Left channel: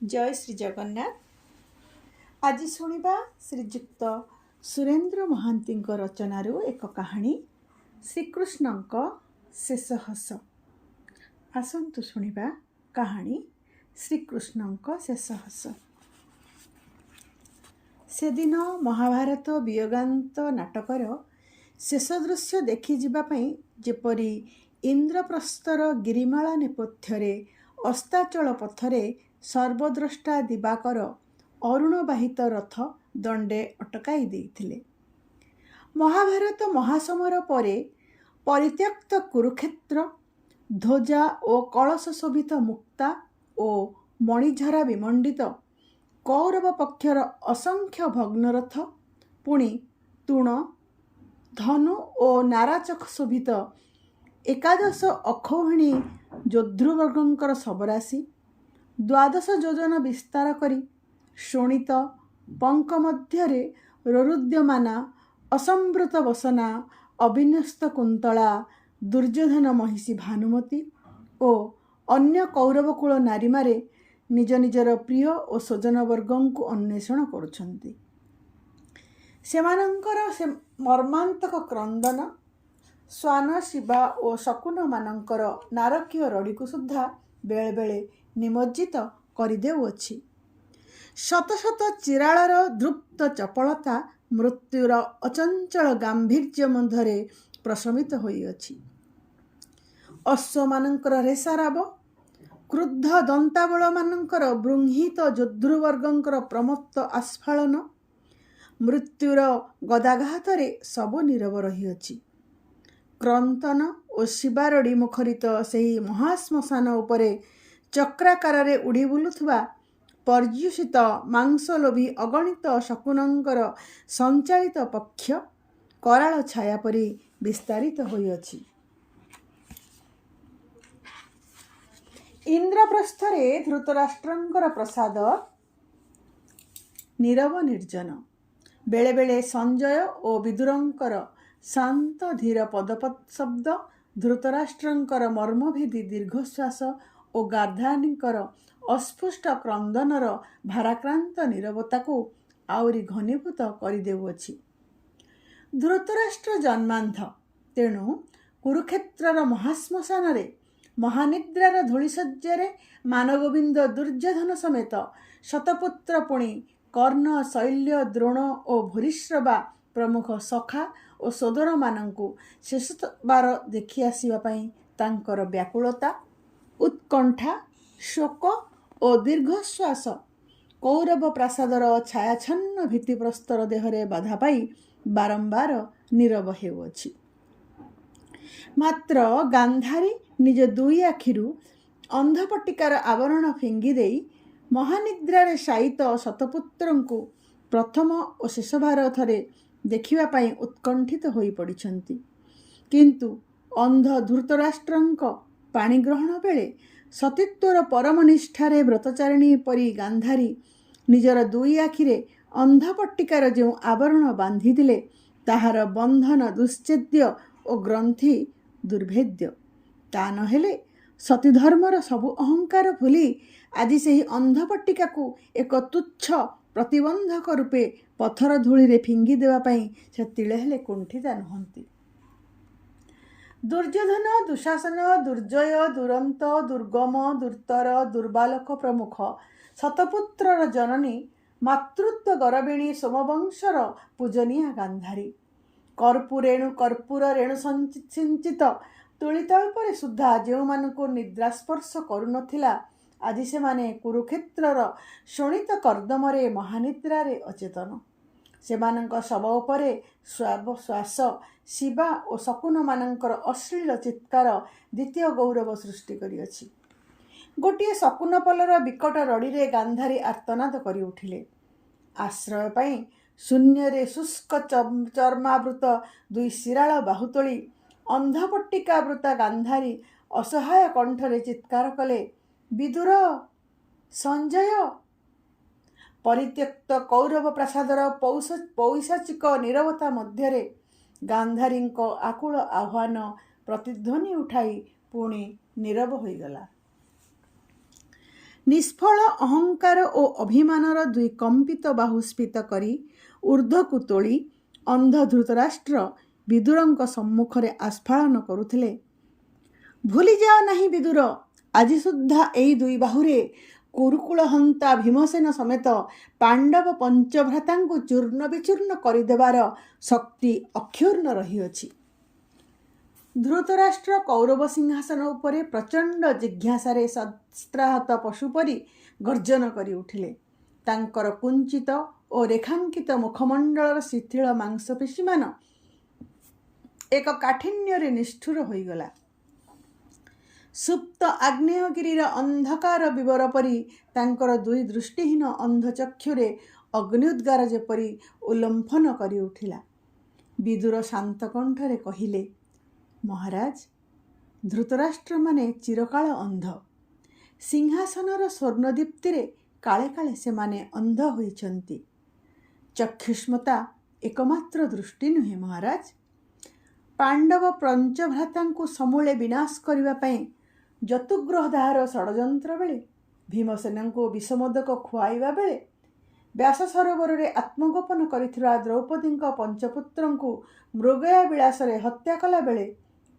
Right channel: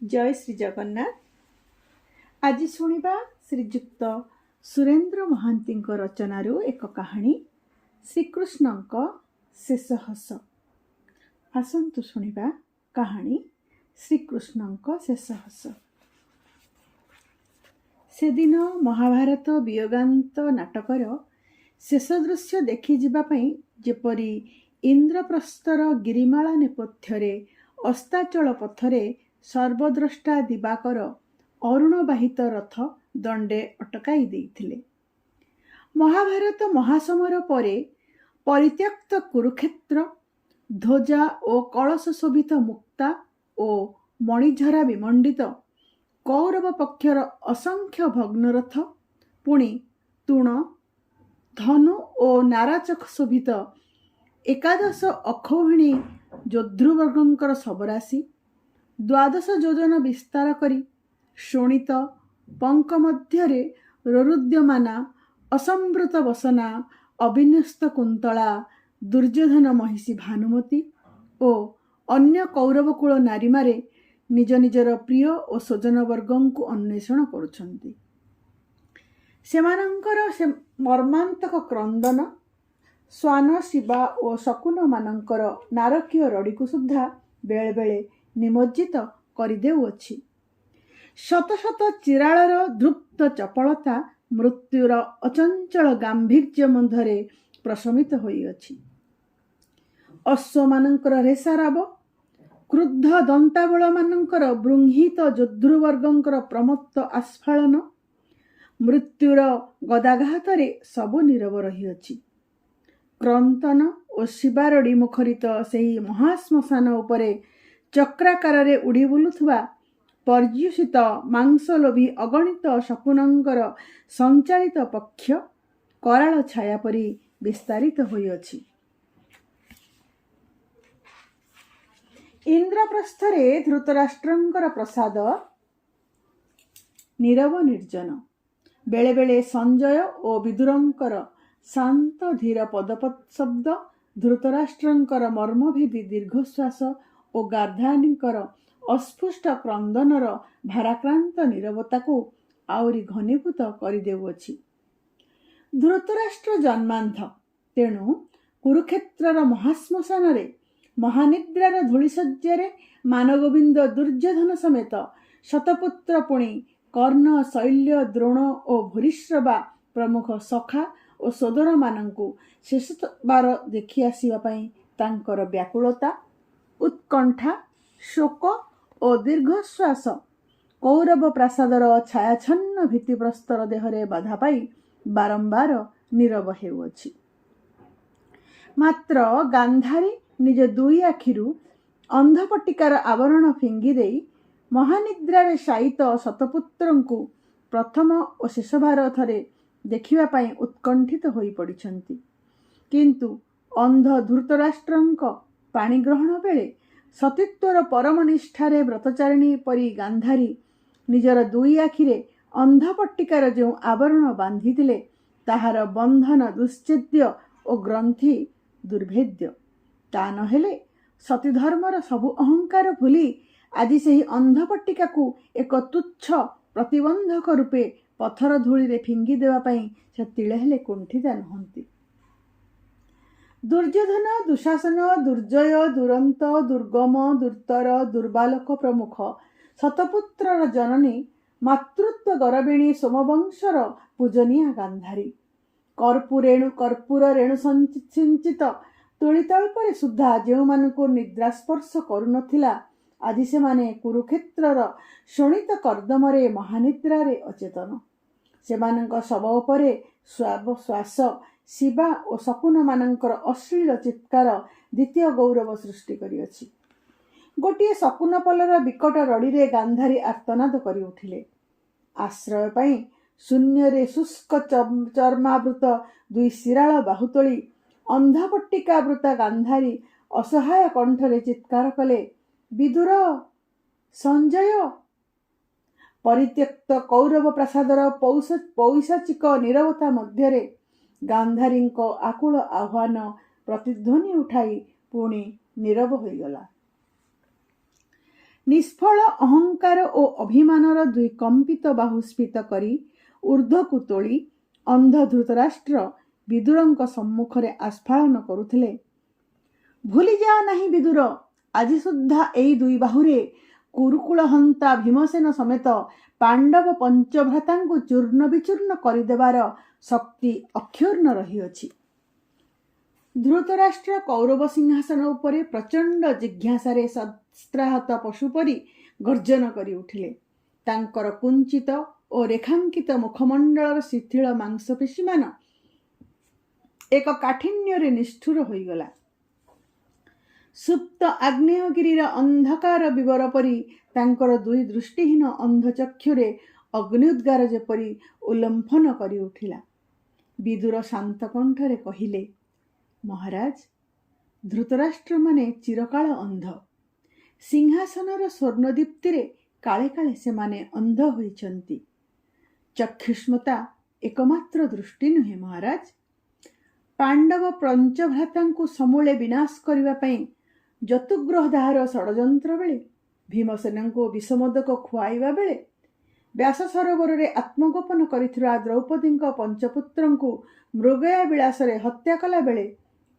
जय श्री जगन्नाथ। आज शुणिबा श्रीजुक्त सुरेंद्र महांती रचनारू एक कहानी श्रीकृष्णक शेष हस। आसतु शुणिबा कहानी श्रीकृष्णक शेष हस। से दिन महाभारत वियोगांत नाटकर शेष दृश्य देखि जिबापई जेपरी इंद्रप्रस्थर गिरिमाला नेपथ्ୟରେ अस्ताचल पथरे सर्वद्रष्टा दिवाकर अरुणबाहित रथ दंडे अटकाई देइथिले। महाभारत महासमर परे परित्यक्त कुरुक्षेत्र ध्वजा और कलश शोभित मुक्ता और मणिझरा विमंडित कौरव पक्षर असंख्य भग्नरथ पुणी तूण धनु और नाराचक शोभित एकादश अक्षौहिणी योद्धृवर्गंकर सबराशि 12 योजन विस्तार करी शोणित पंक मध्यरे रोरुद्यमाना असंवृत वसना अभिन्यस्त कुंतला दुर्योधन महिषी भानुमती और अन्य कौरवकूल नारी मारे निज निजर प्रिय और स्वजन वर्गों को अन्वेषण करुछंती। सेमानंकर से मर्मांतक क्रंदन स्वान शिवा और शकुन मानंकर नारकीय रड़ी को सुद्धा बेले बेले निमज्जित करदेउछि। शत शत चिराळर धृप्त चपलता मृत्युर अचंचल गांभीर्य मध्य प्रशमित होइअछि। अश्व मानंकर रेसाराब क्रुद्ध दंताबल मानंकर बृंहित योद्धृवर्गंकर प्रमत्त आस्फालन मृत्युर गदाघातरे सबु नीरव रहिअछि। क्रंतन और शिवारड़ी मुखरित सेही महाश्मशान उपरे चक्राकार उड़ी बुलुथुवा पर्युषित मांसलोभी अगणित शकुनंकर संचालित पक्ष कराल छाया परी विस्तारित होइअछि। इंद्रप्रस्थरे धृतराष्ट्रंकर प्रसाद नीरव निर्जन। बेले बेले संजय और विदुरंकर शांत धीर पदपद शब्द धृतराष्ट्रंकर मर्मभेदी दीर्घश्वास और गार्धानीकर अस्फुष्ट क्रंदनर भाराक्रांत नीरवता को आउरी घनीभूत करदेउछि। धृतराष्ट्र जन्मांध तेणु कुरुक्षेत्रर महाश्मशान महानिद्रार धूलिशज्यारे मानगोविंद दुर्योधन समेत शतपुत्र पुणी कर्ण शैल्य द्रोण और भूरिश्रवा प्रमुख सखा और सोदर मानंकु शेष बार देखि आसिबा पई तांकर व्याकुलता उत्कंठा शोक और दीर्घश्वास कौरव प्रासादर छायाछन्न भित्तिप्रस्तर देहरे बाधा पाई बारंबार नीरव हेउअछि। मात्र गांधारी निज दुई आखिरु अंधपट्टिकार आवरण फिंगी देई महानिद्रारे शायित शतपुत्रंकु प्रथम और शेष बार थरे देखिबा पाई उत्कंठित होई पड़िछंती। किंतु अंध धृतराष्ट्रंक पाणी ग्रहण बेले सतीत्वर परम निष्ठारे व्रतचारिणी परी गांधारी निजर दुई आखिरे अंधपट्टिकार जो आवरण बांधी दिले ताहार बंधन दुश्चेद्य और ग्रंथि दुर्भेद्य। ता नहेले सतीधर्मर सबु अहंकार भूली आज से ही अंधपट्टिका को एक तुच्छ प्रतिबंधक रूपे पथर धूली रे फिंगी देवा पई से तिले हेले कुंठिता नहंती। दुर्योधन दुशासन दुर्जय दुरंत दुर्गम दुर्तर दुर्बालक प्रमुख शतपुत्रर जननी मातृत्व गरबिणी सोमवंशर पूजनीया गांधारी कर्पूर रेणु सिंचित तुलितल्पर सुद्धा जो मानकु निद्रास्पर्श करुनथिला आदि से माने कुरुक्षेत्रर शोणित कर्दमरे महानिद्रारे अचेतन। सेमानंक शव उपरे श्वास शिवा और शकुन मानंकर अश्लील चित्कार द्वितीय गौरव सृष्टि करिअछि। गोटे शकुन पलर विकट रड़ी गांधारी आर्तनाद करि उठिले। आश्रय पाई शून्य रे शुष्क चर्मावृत दुई शिराळ बाहुतोली अंधपट्टिकावृता गांधारी असहाय कंठरे चित्कार कले, विदुर संजय। परित्यक्त कौरव प्रासादर पौशाचिक नीरवता मध्यरे गांधारी आकुल आह्वान प्रतिध्वनि उठाई पुणी नीरव होईगला। ନିଷ୍ଫଳ ଅହଙ୍କାର ଓ ଅଭିମାନର ଦୁଇ କମ୍ପିତ ବାହୁ ସ୍ଫୀତ କରି ଊର୍ଦ୍ଧ୍ୱକୁ ତୋଳି ଅନ୍ଧ ଧୃତରାଷ୍ଟ୍ର ବିଦୁରଙ୍କ ସମ୍ମୁଖରେ ଆସ୍ଫାଳନ କରୁଥିଲେ। ଭୁଲିଯାଅ ନାହିଁ ବିଦୁର, ଆଜି ସୁଦ୍ଧା ଏହି ଦୁଇ ବାହୁରେ କୁରୁକୁଳ ହନ୍ତା ଭୀମସେନ ସମେତ ପାଣ୍ଡବ ପଞ୍ଚଭ୍ରାତାଙ୍କୁ ଚୂର୍ଣ୍ଣ ବିଚୂର୍ଣ୍ଣ କରିଦେବାର ଶକ୍ତି ଅକ୍ଷୁର୍ଣ୍ଣ ରହିଅଛି। ଧୃତରାଷ୍ଟ୍ର କୌରବ ସିଂହାସନ ଉପରେ ପ୍ରଚଣ୍ଡ ଜିଜ୍ଞାସାରେ ଶସ୍ତ୍ରାହତ ପଶୁ ପରି ଗର୍ଜନ କରି ଉଠିଲେ। ତାଙ୍କର କୁଞ୍ଚିତ ଓ ରେଖାଙ୍କିତ ମୁଖମଣ୍ଡଳର ଶିଥିଳ ମାଂସପେଶୀମାନ ଏକ କାଠିନ୍ୟରେ ନିଷ୍ଠୁର ହୋଇଗଲା। ସୁପ୍ତ ଆଗ୍ନେୟଗିରିର ଅନ୍ଧକାର ବିବର ପରି ତାଙ୍କର ଦୁଇ ଦୃଷ୍ଟିହୀନ ଅନ୍ଧଚକ୍ଷୁରେ ଅଗ୍ନିଉଦ୍ଗାର ଯେପରି ଉଲ୍ଲମ୍ଫନ କରି ଉଠିଲା। ବିଦୁର ଶାନ୍ତ କଣ୍ଠରେ କହିଲେ, ମହାରାଜ, ଧୃତରାଷ୍ଟ୍ରମାନେ ଚିରକାଳ ଅନ୍ଧ। ସିଂହାସନର ସ୍ୱର୍ଣ୍ଣଦୀପ୍ତିରେ କାଳେ କାଳେ ସେମାନେ ଅନ୍ଧ ହୋଇଛନ୍ତି। ଚକ୍ଷୁଷ୍ମତା ଏକମାତ୍ର ଦୃଷ୍ଟି ନୁହେଁ ମହାରାଜ। ପାଣ୍ଡବ ପଞ୍ଚଭ୍ରାତାଙ୍କୁ ସମୂଳେ ବିନାଶ କରିବା ପାଇଁ ଯତୁଗ୍ରହଦାହର ଷଡ଼ଯନ୍ତ୍ର ବେଳେ, ଭୀମସେନଙ୍କୁ ବିଷମୋଦକ ଖୁଆଇବା ବେଳେ, ବ୍ୟାସ ସରୋବରରେ ଆତ୍ମଗୋପନ କରିଥିବା ଦ୍ରୌପଦୀଙ୍କ ପଞ୍ଚପୁତ୍ରଙ୍କୁ ମୃଗୟା ବିଳାସରେ ହତ୍ୟା କଲାବେଳେ,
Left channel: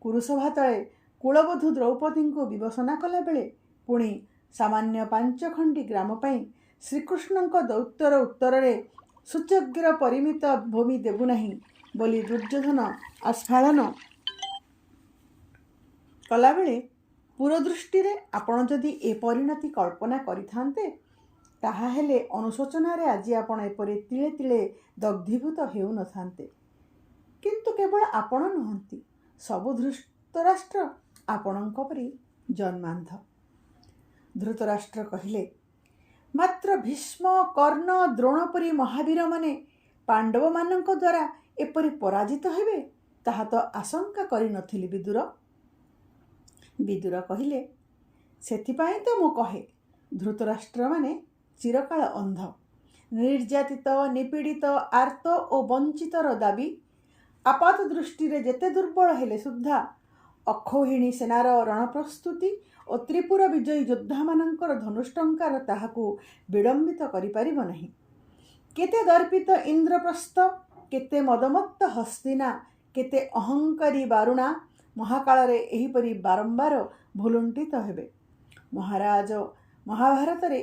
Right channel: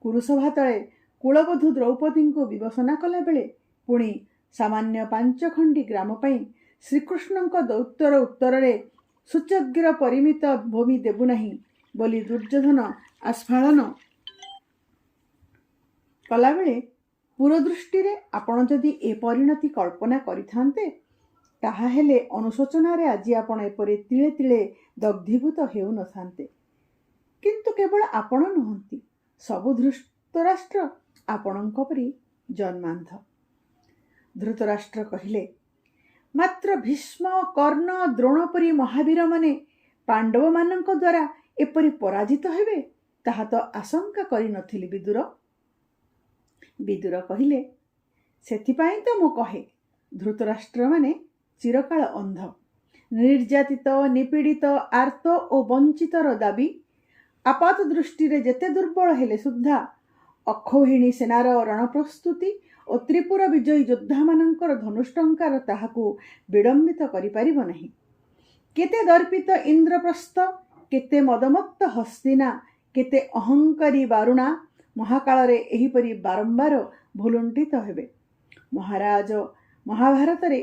କୁରୁସଭା ତଳେ କୁଳବଧୂ ଦ୍ରୌପଦୀଙ୍କୁ ବିବସନା କଲାବେଳେ, ପୁଣି ସାମାନ୍ୟ 5 ଖଣ୍ଡି ଗ୍ରାମ ପାଇଁ ଶ୍ରୀକୃଷ୍ଣଙ୍କ ଦୌତ୍ୟର ଉତ୍ତରରେ ସୂଚଗ୍ର ପରିମିତ ଭୂମି ଦେବୁ ନାହିଁ ବୋଲି ଦୁର୍ଯ୍ୟୋଧନ ଆସ୍ଫାଳନ କଲାବେଳେ ପୁରଦୃଷ୍ଟିରେ ଆପଣ ଯଦି ଏ ପରିଣତି କଳ୍ପନା କରିଥାନ୍ତେ, ତାହାହେଲେ ଅନୁଶୋଚନାରେ ଆଜି ଆପଣ ଏପରି ତିଳେ ତିଳେ ଦଗ୍ଧୀଭୂତ ହେଉନଥାନ୍ତେ। କିନ୍ତୁ କେବଳ ଆପଣ ନୁହନ୍ତି, ସବୁ ଧୃତରାଷ୍ଟ୍ର ଆପଣଙ୍କ ପରି ଜନ୍ମାନ୍ଧ। ଧୃତରାଷ୍ଟ୍ର କହିଲେ, ମାତ୍ର ଭୀଷ୍ମ, କର୍ଣ୍ଣ, ଦ୍ରୋଣ ପରି ମହାବୀରମାନେ ପାଣ୍ଡବମାନଙ୍କ ଦ୍ୱାରା ଏପରି ପରାଜିତ ହେବେ ତାହା ତ ଆଶଙ୍କା କରିନଥିଲି ବିଦୁର। ବିଦୁର କହିଲେ, ସେଥିପାଇଁ ତ ମୁଁ କହେ, ଧୃତରାଷ୍ଟ୍ରମାନେ ଚିରକାଳ ଅନ୍ଧ। ନିର୍ଯାତିତ, ନିପୀଡ଼ିତ, ଆର୍ତ ଓ ବଞ୍ଚିତର ଦାବି ଆପାତ ଦୃଷ୍ଟିରେ ଯେତେ ଦୁର୍ବଳ ହେଲେ ସୁଦ୍ଧା ଅକ୍ଷୌହିଣୀ ସେନାର ରଣପ୍ରସ୍ତୁତି ଓ ତ୍ରିପୁର ବିଜୟୀ ଯୋଦ୍ଧାମାନଙ୍କର ଧନୁଷ୍ଟଙ୍କାର ତାହାକୁ ବିଡ଼ମ୍ବିତ କରିପାରିବ ନାହିଁ। କେତେ ଦର୍ପିତ ଇନ୍ଦ୍ରପ୍ରସ୍ଥ, କେତେ ମଦମତ୍ତ ହସ୍ତିନା, କେତେ ଅହଙ୍କାରୀ ବାରୁଣା ମହାକାଳରେ ଏହିପରି ବାରମ୍ବାର ଭୁଲୁଣ୍ଠିତ ହେବେ। ମହାରାଜ, ମହାଭାରତରେ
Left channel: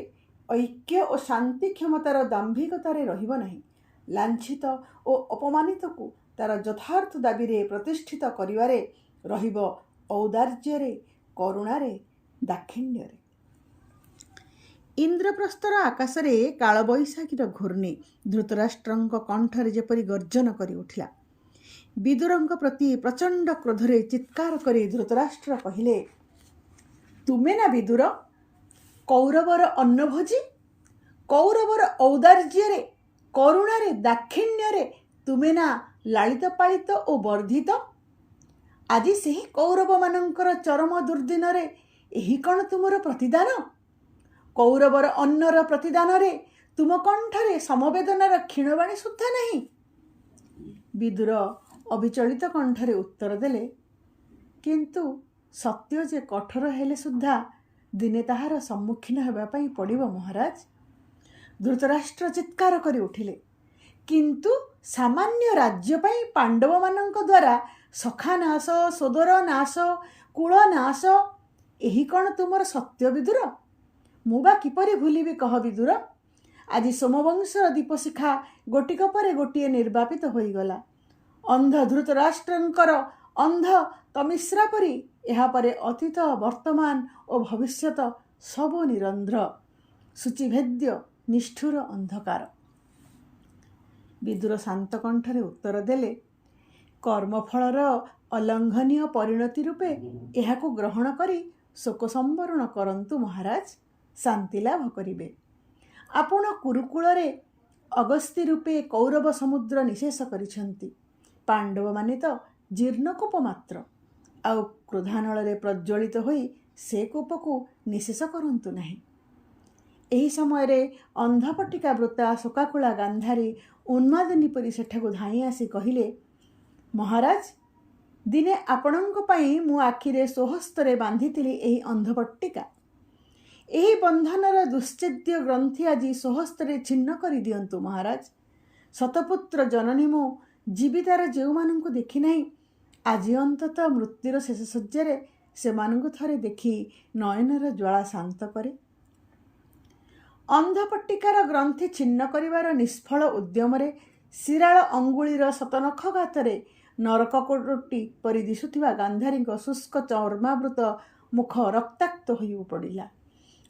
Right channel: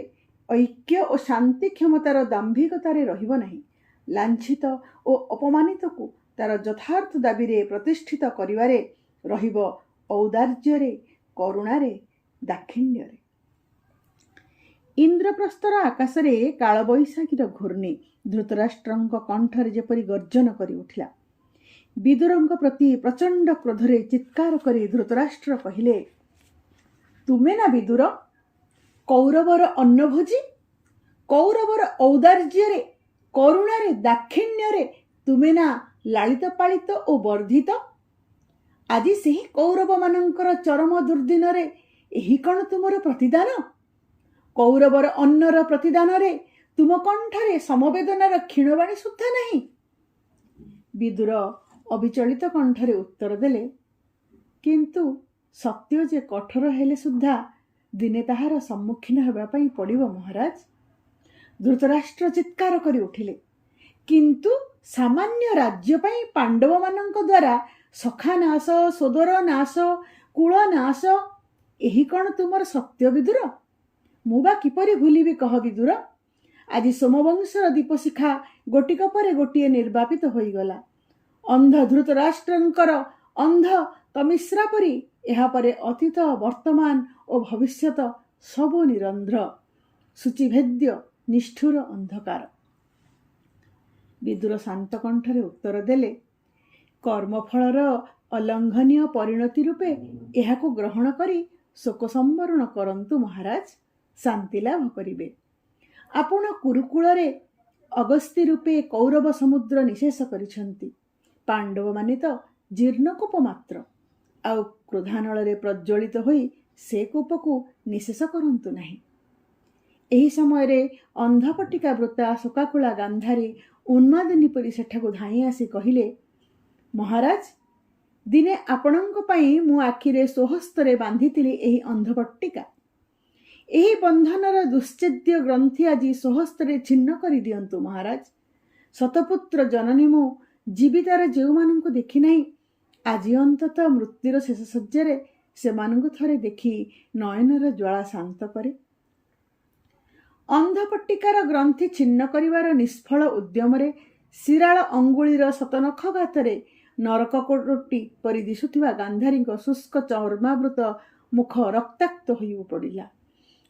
ଐକ୍ୟ ଓ ଶାନ୍ତି କ୍ଷମତାର ଦାମ୍ଭିକତାରେ ରହିବ ନାହିଁ। ଲାଞ୍ଛିତ ଓ ଅପମାନିତକୁ ତାର ଯଥାର୍ଥ ଦାବିରେ ପ୍ରତିଷ୍ଠିତ କରିବାରେ ରହିବ ଔଦାର୍ଯ୍ୟରେ, କରୁଣାରେ, ଦାକ୍ଷିଣ୍ୟରେ। ଇନ୍ଦ୍ରପ୍ରସ୍ଥର ଆକାଶରେ କାଳବୈଶାଖୀର ଘୂର୍ଣ୍ଣି ଧୃତରାଷ୍ଟ୍ରଙ୍କ କଣ୍ଠରେ ଯେପରି ଗର୍ଜନ କରି ଉଠିଲା। ବିଦୁରଙ୍କ ପ୍ରତି ପ୍ରଚଣ୍ଡ କ୍ରୋଧରେ ଚିତ୍କାର କରି ଧୃତରାଷ୍ଟ୍ର କହିଲେ, ତୁମେ ନା ବିଦୁର, କୌରବର ଅନ୍ନଭୋଜୀ? କୌରବର ଔଦାର୍ଯ୍ୟରେ, କରୁଣାରେ, ଦାକ୍ଷିଣ୍ୟରେ ତୁମେ ନା ଲାଳିତ ପାଳିତ ଓ ବର୍ଦ୍ଧିତ? ଆଜି ସେହି କୌରବମାନଙ୍କର ଚରମ ଦୁର୍ଦ୍ଦିନରେ ଏହି କ'ଣ ତୁମର ପ୍ରତିଦାନ? କୌରବର ଅନ୍ନର ପ୍ରତିଦାନରେ ତୁମ କଣ୍ଠରେ ସମବେଦନାର କ୍ଷୀଣବାଣୀ ସୁଦ୍ଧା ନାହିଁ। ବିଦୁର ଅବିଚଳିତ କଣ୍ଠରେ ଉତ୍ତର ଦେଲେ, କିନ୍ତୁ ସତ୍ୟ ଯେ କଠୋର ହେଲେ ସୁଦ୍ଧା ଦିନେ ତାହାର ସମ୍ମୁଖୀନ ହେବା ପାଇଁ ପଡ଼ିବ ମହାରାଜ। ଧୃତରାଷ୍ଟ୍ର ଚିତ୍କାର କରି ଉଠିଲେ, କିନ୍ତୁ ସାମାନ୍ୟ ରାଜ୍ୟ ପାଇଁ ପାଣ୍ଡବମାନଙ୍କ ଦ୍ୱାରା ସଖା ନାଶ, ସୋଦର ନାଶ, କୁଳ ନାଶ, ଏହି କ'ଣ ତୁମର ସତ୍ୟ ବିଦୁର? ମୁଁ ବା କିପରି ଭୁଲିବି କହ ବିଦୁର? ଆଜି ସୋମବଂଶର ଦୀପଶିଖା ଗୋଟିକ ପରେ ଗୋଟିଏ ନିର୍ବାପିତ ହୋଇଗଲା। ଅନ୍ଧ ଧୃତରାଷ୍ଟ୍ରଙ୍କର ଅନ୍ଧ ତମିଶ୍ରା ପରି ଏହାପରେ ଅତୀତ, ବର୍ତ୍ତମାନ ଓ ଭବିଷ୍ୟତ ସବୁ ନିରନ୍ଧ୍ର, ସୂଚିଭେଦ୍ୟ, ନିଷ୍ଠୁର ଅନ୍ଧକାର। ବିଦୁର ଶାନ୍ତ କଣ୍ଠରେ ଉତ୍ତର ଦେଲେ, କର୍ମଫଳର ଅଲଙ୍ଘନୀୟ ପରିଣତି ରୂପେ ଏହାକୁ ଗ୍ରହଣ କରି ଶୋକ ସମ୍ବରଣ କରନ୍ତୁ ମହାରାଜ, ଶାନ୍ତି ଲାଭ କରିବେ। ଆପଣ କୁରୁକୁଳରେ ଅଗସ୍ତି ରୂପେ କୌରବ ସମୁଦ୍ର ନିଶେଷ କରିଛନ୍ତି। ପାଣ୍ଡବମାନେ ତ ଜୀର୍ଣ୍ଣକୂପ ମାତ୍ର। ଆଉ କ୍ରୋଧାନଳରେ ପ୍ରଜ୍ୱଳିତ ହୋଇ ସେ କୂପକୁ ନିଶେଷ କରନ୍ତୁ ନାହିଁ। ଏହି ସମୟରେ ଅନ୍ଧପଟିକା ବୃତା ଶୋକାକୁଳା ଗାନ୍ଧାରୀ ଉନ୍ମାଦିନୀ ପରି ସେଠାକୁ ଧାଇଁ ଆସି କହିଲେ, ମହାରାଜ, ଦିନେ ଆପଣଙ୍କ ପାଇଁ ମୁଁ ଆଖିରେ ସ୍ୱହସ୍ତରେ ବାନ୍ଧିଥିଲି ଏହି ଅନ୍ଧପଟ୍ଟିକା। ଏହି ବନ୍ଧନର ଦୁଶ୍ଚେଦ୍ୟ ଗ୍ରନ୍ଥି ଆଜି ସ୍ୱହସ୍ତରେ ଛିନ୍ନ କରିଦିଅନ୍ତୁ ମହାରାଜ। ଶତପୁତ୍ର ଜନନୀ ମୁଁ ଜୀବିତାର ଯେଉଁମାନଙ୍କୁ ଦେଖି ନାହିଁ, ଆଜି ଅନ୍ତତଃ ମୃତ୍ୟୁର ଶେଷ ଶଯ୍ୟାରେ ସେମାନଙ୍କୁ ଥରେ ଦେଖି ନୟନର ଜ୍ୱାଳା ଶାନ୍ତ କରେ। ଅନ୍ଧପଟ୍ଟିକାର ଗ୍ରନ୍ଥି ଛିନ୍ନ କରିବାର ନିଷ୍ଫଳ ଉଦ୍ୟମରେ ଶିରାଳ ଅଙ୍ଗୁଳିର ଶତନଖଘାତରେ ନରକକୋଟି ପରି ଦିଶୁଥିବା ଗାନ୍ଧାରୀଙ୍କ ଶୁଷ୍କ ଚର୍ମାବୃତ ମୁଖ ରକ୍ତାକ୍ତ ହୋଇ ପଡ଼ିଲା।